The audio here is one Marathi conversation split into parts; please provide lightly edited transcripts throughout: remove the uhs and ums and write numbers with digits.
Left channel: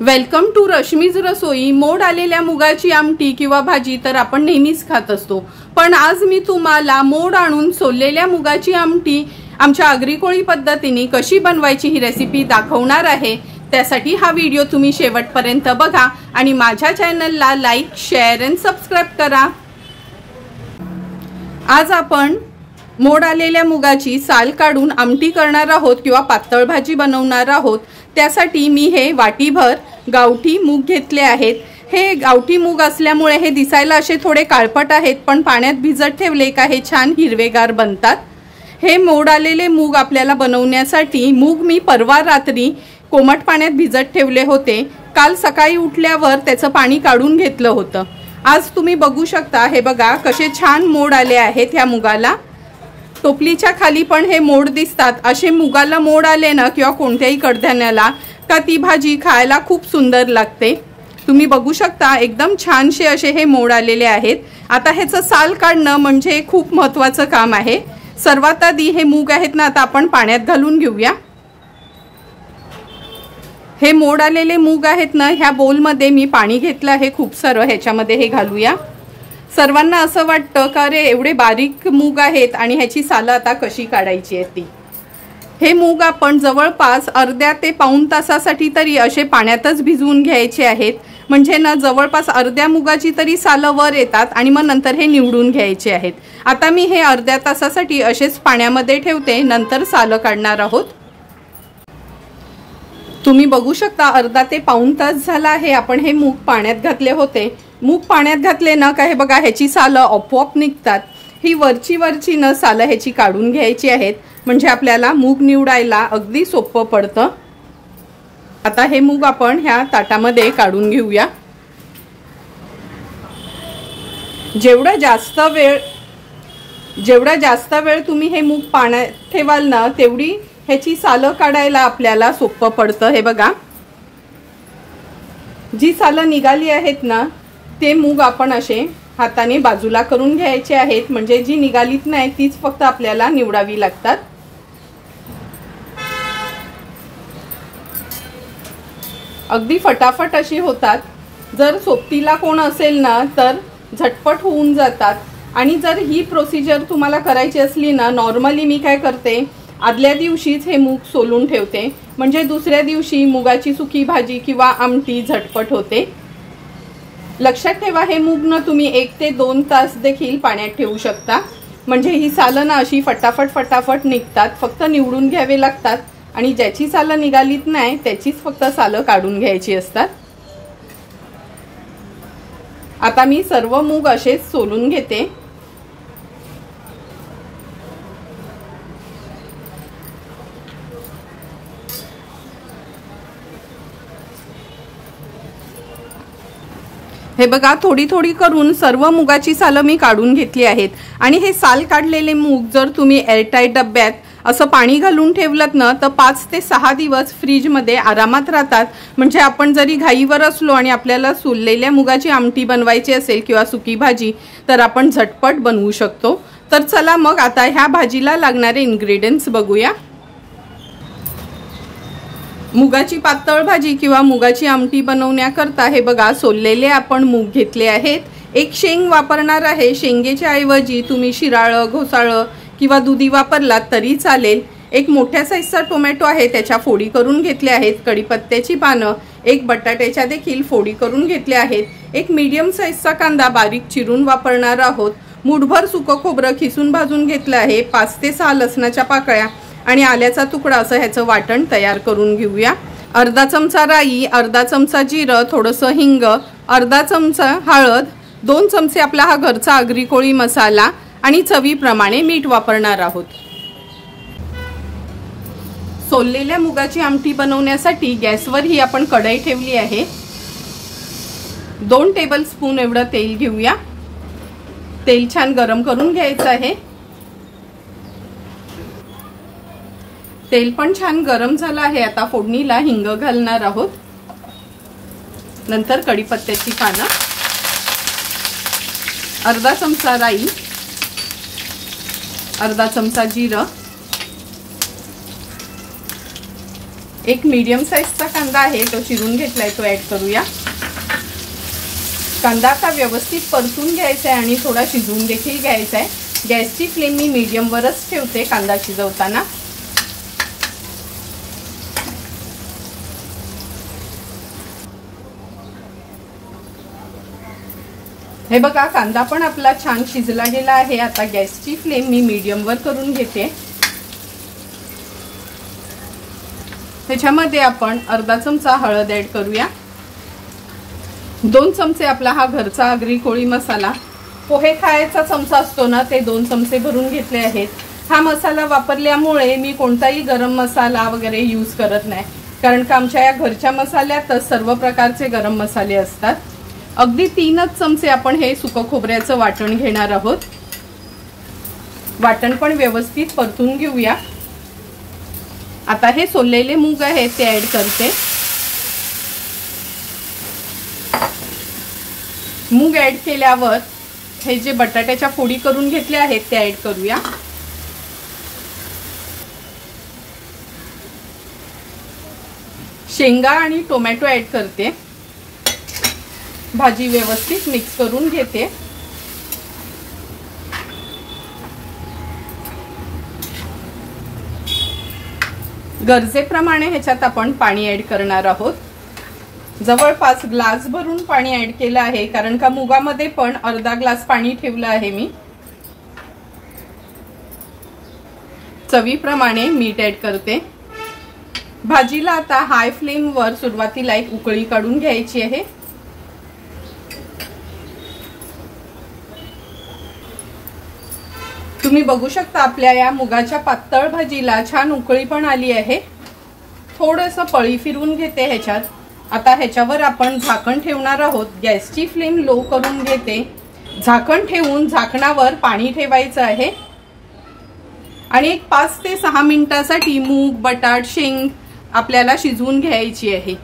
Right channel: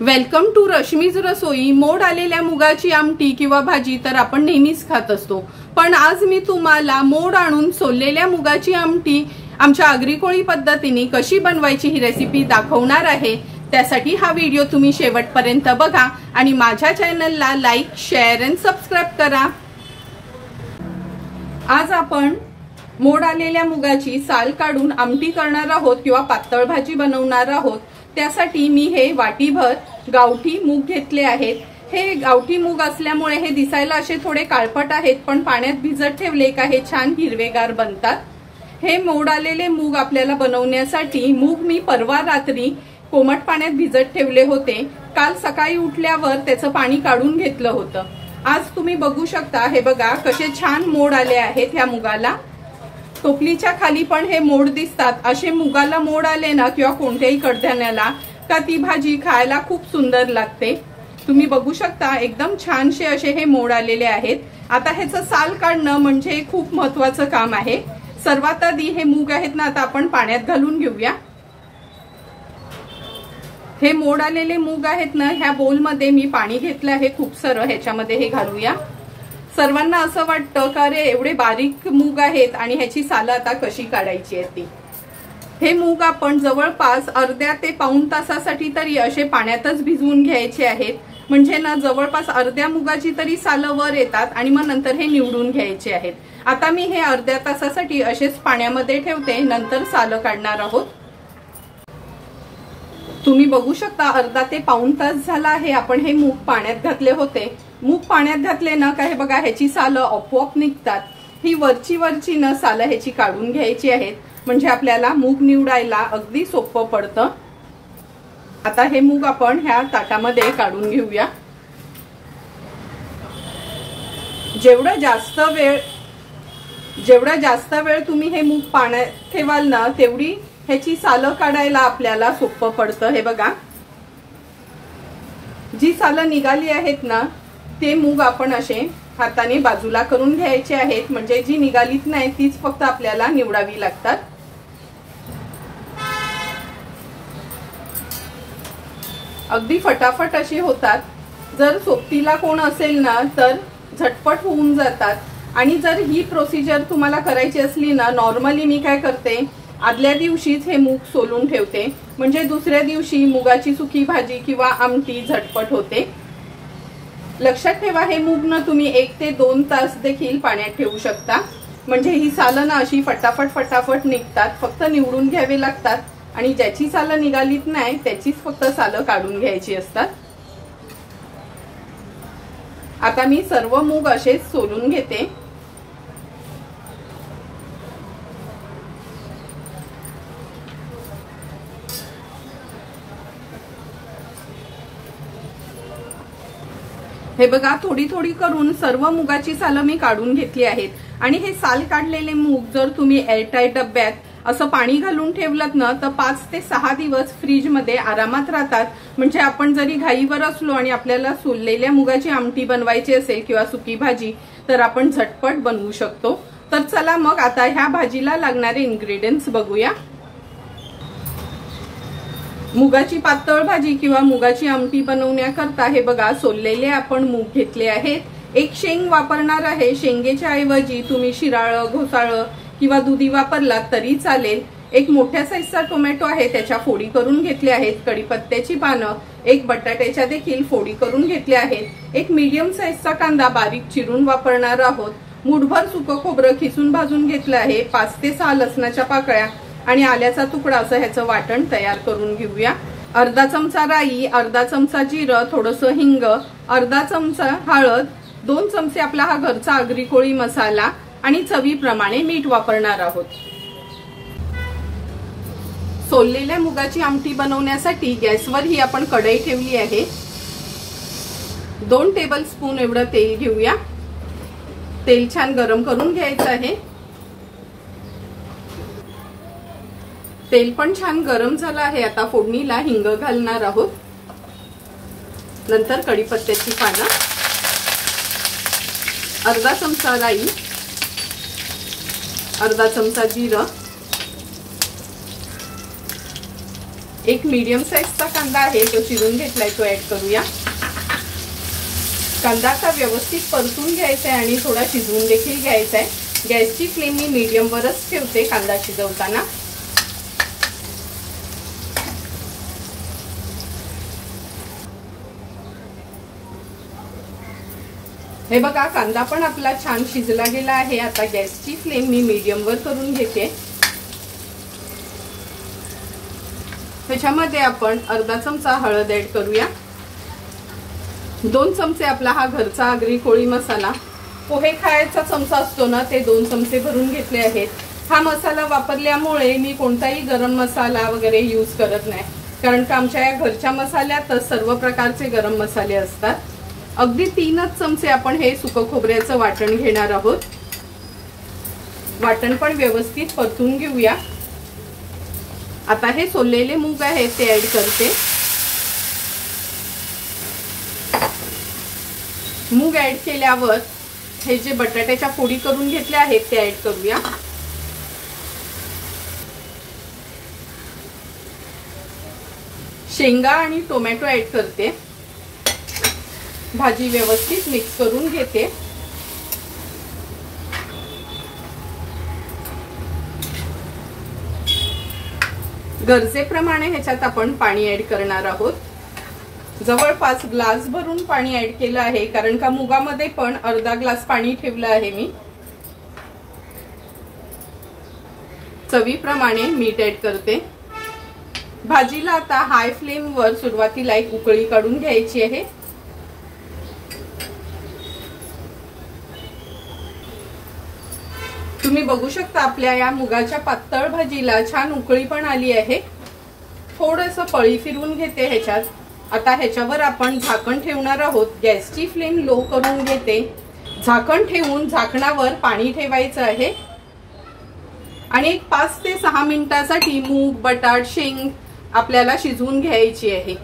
वेलकम टू रश्मीज रसोई। मोड आलेल्या मुगाची आमटी किंवा भाजी तर आपण नेहमीच खात असतो, पण आज मी तुम्हाला मोड आणून सोललेल्या मुगाची आमटी आमच्या आगरी कोळी पद्धतीने कशी बनवायची ही रेसिपी दाखवणार आहे। त्यासाठी हा व्हिडिओ तुम्ही शेवटपर्यंत बघा आणि माझ्या चॅनलला लाईक, शेअर आणि सबस्क्राइब करा। आज आपण मोड आलेल्या मुगाची साल काढून आमटी करणार आहोत किंवा पातळ भाजी बनवणार आहोत। त्यासाठी मी हे वाटीभर गावठी मूग घेतले आहेत। हे गावठी मूग असल्यामुळे हे दिसायला असे थोडे काळपट आहेत, पण पाण्यात भिजत ठेवले का हे छान हिरवेगार बनतात। हे मोड आलेले मूग आपल्याला बनवण्यासाठी मूग मी परवा रात्री कोमट पाण्यात भिजत ठेवले होते। काल सकाळी उठल्यावर त्याचं पाणी काढून घेतलं होतं। आज तुम्ही बघू शकता, हे बघा कसे छान मोड आले आहेत ह्या मुगाला। टोपलीच्या खाली पण हे मोड दिसतात। असे मुगाला मोड आले ना किंवा कोणत्याही कडधान्याला का ती भाजी खायला खूप सुंदर लागते। तुम्ही बघू शकता एकदम छानसे असे हे मोड आलेले आहेत। आता ह्याचं साल काढणं म्हणजे खूप महत्त्वाचं काम आहे। सर्वात आधी हे मूग आहेत ना, आता आपण पाण्यात घालून घेऊया। हे मोड आलेले मूग आहेत ना, ह्या बोलमध्ये मी पाणी घेतलं आहे खूप सारं, ह्याच्यामध्ये हे घालूया। सर्वांना असं वाटतं का रे एवढे बारीक मूग आहेत आणि ह्याची सालं आता कशी काढायची आहे ती। हे मूग आपण जवळपास अर्ध्या ते पाऊण तासासाठी तरी असे पाण्यातच भिजवून घ्यायचे आहेत, म्हणजे ना जवळपास अर्ध्या मुगाची तरी सालं वर येतात आणि मग नंतर हे निवडून घ्यायचे आहेत। आता मी हे अर्ध्या तासासाठी असेच पाण्यामध्ये ठेवते, नंतर सालं काढणार आहोत। तुम्ही बघू शकता अर्धा ते पाऊण तास झाला आहे आपण हे मूग पाण्यात घातले होते। मूग पाण्यात घातले ना का हे बघा ह्याची सालं आपोआप निघतात। ही वरची न सालं ह्याची काढून घ्यायची आहेत, म्हणजे आपल्याला मूग निवडायला अगदी सोपं पडतं। आता हे मूग आपण ह्या ताटामध्ये काढून घेऊया। जेवढा जास्त वेळ तुम्ही हे मूग पाण्यात ठेवाल ना, तेवढी ह्याची सालं काढायला आपल्याला सोपं पडतं। हे बघा जी सालं निघाली आहेत ना, ते मूग आपण असे हाताने बाजूला करून घ्यायचे आहेत, म्हणजे जी निघालीत नाही तीच फक्त आपल्याला निवडावी लागतात। अगदी फटाफट अशी होतात। जर सोबतीला कोण असेल ना तर झटपट होऊन जातात। आणि जर ही प्रोसिजर तुम्हाला करायची असली ना, नॉर्मली मी काय करते, आदल्या दिवशीच हे मूग सोलून ठेवते, म्हणजे दुसऱ्या दिवशी मुगाची सुकी भाजी किंवा आमटी झटपट होते। लक्षात ठेवा, हे मूग ना तुम्ही 1 ते 2 तास देखील पाण्यात ठेवू शकता, म्हणजे ही सालं ना अशी फटाफट निघतात। फक्त निवडून घ्यावे लागतात आणि ज्याची सालं निघालीत नाही त्याचीच फक्त सालं काढून घ्यायची असतात। आता मी सर्व मूग असेच सोलून घेते। हे बघा थोडी करून सर्व मुगाची सालं मी काढून घेतली आहेत। आणि हे साल काढलेले मूग जर तुम्ही एअरटाईट डब्यात असं पाणी घालून ठेवलत ना, तर 5 ते 6 दिवस फ्रीज मध्ये आरामात राहतात। म्हणजे आपण जरी घाईवर असलो आणि आपल्याला सोललेल्या मुगाची आमटी बनवायची असेल किंवा सुकी भाजी, तर आपण झटपट बनवू शकतो। तर चला मग आता ह्या भाजीला लागणारे इन्ग्रेडियंट्स बघूया। मुगाची पातळ भाजी किंवा मुगाची आमटी बनवण्याकरता हे बघा सोललेले आपण मूग घेतले आहेत। एक शेंग वापरणार आहे। शेंगेच्या ऐवजी तुम्ही शिराळं, घोसाळं किंवा दुधी वापरलात तरी चालेल। एक मोठ्या साईजचा टोमॅटो आहे, त्याच्या फोडी करून घेतल्या आहेत। कढीपत्त्याची पानं, एक बटाट्याच्या देखील फोडी करून घेतल्या आहेत। एक मीडियम साईजचा कांदा बारीक चिरून वापरणार आहोत। मुठभर सुकं खोबरं खिसून भाजून घेतलं आहे। 5 ते 6 लसणाच्या पाकळ्या आणि आल्याचा तुकडा असं ह्याचं वाटण तयार करून घेऊया। अर्धा चमचा राई, अर्धा चमचा जिरं, थोडंसं हिंग, अर्धा चमचा हळद, 2 चमचे आपला हा घरचा आगरी कोळी मसाला आणि चवीप्रमाणे मीठ वापरणार आहोत। सोललेल्या मुगाची आमटी बनवण्यासाठी गॅसवर ही आपण कढई ठेवली आहे। 2 टेबलस्पून एवढं तेल घेऊया। तेल छान गरम करून घ्यायचं आहे। तेल पण छान गरम झालं आहे। आता फोडणीला हिंग घालणार आहोत, नंतर कढीपत्त्याची पानं, अर्धा चमचा राई, अर्धा चमचा जिरं, एक मीडियम साईजचा कांदा आहे तो चिरून घेतलाय, तो ऍड करूया। कांदा आता व्यवस्थित परतून घ्यायचा आहे आणि थोडा शिजवून देखील घ्यायचा आहे। गॅसची फ्लेम मी मीडियम वरच ठेवते कांदा शिजवताना। हे बघा कांदा पण आपला छान शिजला गेला आहे। आता गॅसची फ्लेम मी मीडियम वर करून घेते। त्याच्यामध्ये आपण अर्धा चमचा हळद ऍड करूया। 2 चमचे आपला हा घरचा आगरी कोळी मसाला, पोहे खायचा चमचा असतो ना, ते 2 चमचे भरून घेतले आहेत। हा मसाला वापरल्यामुळे मी कोणताही गरम मसाला वगैरे यूज करत नाही, कारण का आमच्या या घरच्या मसाल्यातच सर्व प्रकारचे गरम मसाले असतात। अगदी 3च चमचे आपण हे सुकं खोबऱ्याचं वाटण घेणार आहोत। वाटण पण व्यवस्थित परतून घेऊया। आता हे सोललेले मूग आहेत ते ऍड करते। मूग ऍड केल्यावर हे जे बटाट्याच्या फोडी करून घेतल्या आहेत ते ऍड करूया। शेंगा आणि टोमॅटो ऍड करते। भाजी व्यवस्थित मिक्स करून घेते। गरजेप्रमाणे ह्याच्यात आपण पाणी ऍड करणार आहोत। जवळपास ग्लास भरून पाणी ऍड केलं आहे, कारण का मुगामध्ये पण अर्धा ग्लास पाणी ठेवलं आहे मी। चवीप्रमाणे मीठ ऍड करते। भाजीला आता हाय फ्लेम वर सुरुवातीला एक उकळी काढून घ्यायची आहे। तुम्ही बघू शकता आपल्या या मुगाच्या पातळ भाजीला छान उकळी पण आली आहे। थोडंसं पळी फिरवून घेते ह्याच्यात। आता ह्याच्यावर आपण झाकण ठेवणार आहोत। गॅसची फ्लेम लो करून घेते। झाकण ठेवून झाकणावर पाणी ठेवायचं आहे आणि एक 5 ते 6 मिनिटांसाठी मूग, बटाट, शेंग आपल्याला शिजवून घ्यायची आहे।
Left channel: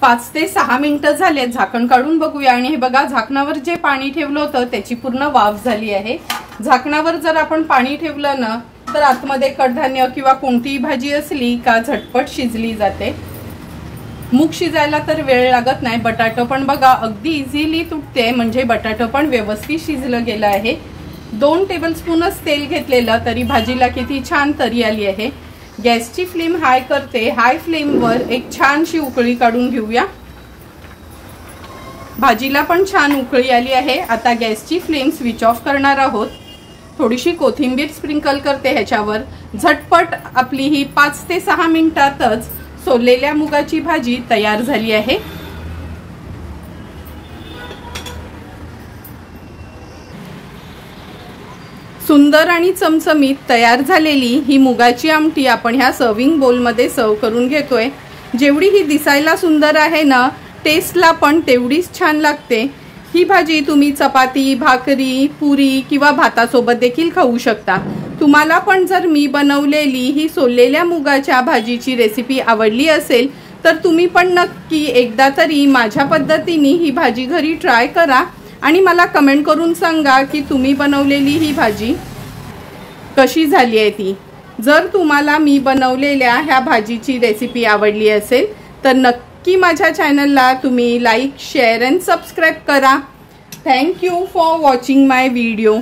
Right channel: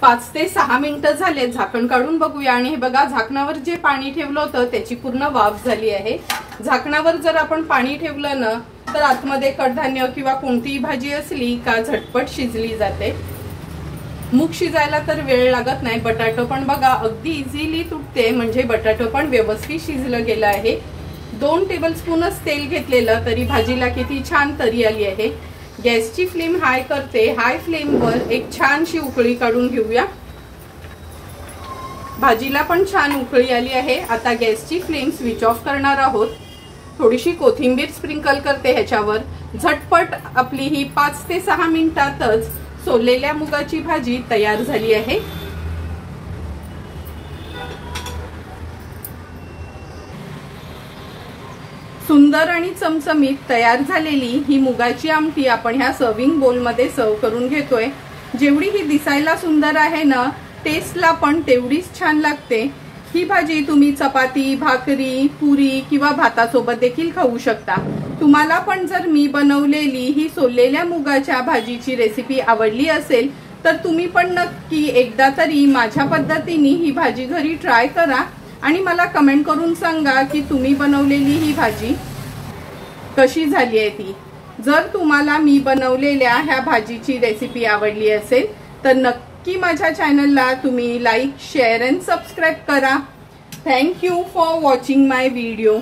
5 ते 6 मिनिटं झाले, झाकण काढून बघूया आणि हे बघा झाकणावर जे पाणी ठेवलं होतं त्याची पूर्ण वाफ झाली आहे। झाकणावर जर आपण पाणी ठेवलं ना तर आतमध्ये कडधान्य किंवा कोणतीही भाजी असली का झटपट शिजली जाते। मूग शिजायला तर वेळ लागत नाही। बटाटा पण बघा अगदी इझिली तुटते, म्हणजे बटाटा पण व्यवस्थित शिजलं गेलं आहे। 2 टेबलस्पूनच तेल घेतलेलं तरी भाजीला किती छान तरी आली आहे। गॅसची फ्लेम हाय करते। हाय फ्लेम वर एक छानशी उकळी काढून घेऊया। भाजीला पण छान उकळी आली आहे। आता गॅसची फ्लेम स्विच ऑफ करणार आहोत। थोडीशी कोथिंबीर स्प्रिंकल करते ह्याच्यावर। झटपट आपली ही 5 ते 6 मिनिटातच सोललेल्या मुगाची भाजी तयार झाली आहे। सुंदर आणि चमचमीत तयार झालेली ही मुगाची आमटी आपण ह्या सर्विंग बोल मध्ये सर्व करून घेतोय। जेवढी ही दिसायला सुंदर आहे ना, टेस्टला पण तेवढीच छान लागते। ही भाजी तुम्ही चपाती, भाकरी, पुरी किंवा भातासोबत देखील खाऊ शकता। तुम्हाला पण जर मी बनवलेली ही सोललेल्या मुगाच्या भाजीची रेसिपी आवडली असेल तर तुम्ही पण नक्की एकदा तरी माझ्या पद्धतीने ही भाजी घरी ट्राय करा आणि मला कमेंट करून सांगा की तुम्ही बनवलेली ही भाजी कशी झाली आहे ती। जर तुम्हाला मी बनवलेल्या ह्या भाजीची रेसिपी आवडली असेल तर नक्की माझ्या चॅनलला तुम्ही लाईक, शेअर अँड सबस्क्राईब करा। Thank you for watching my video.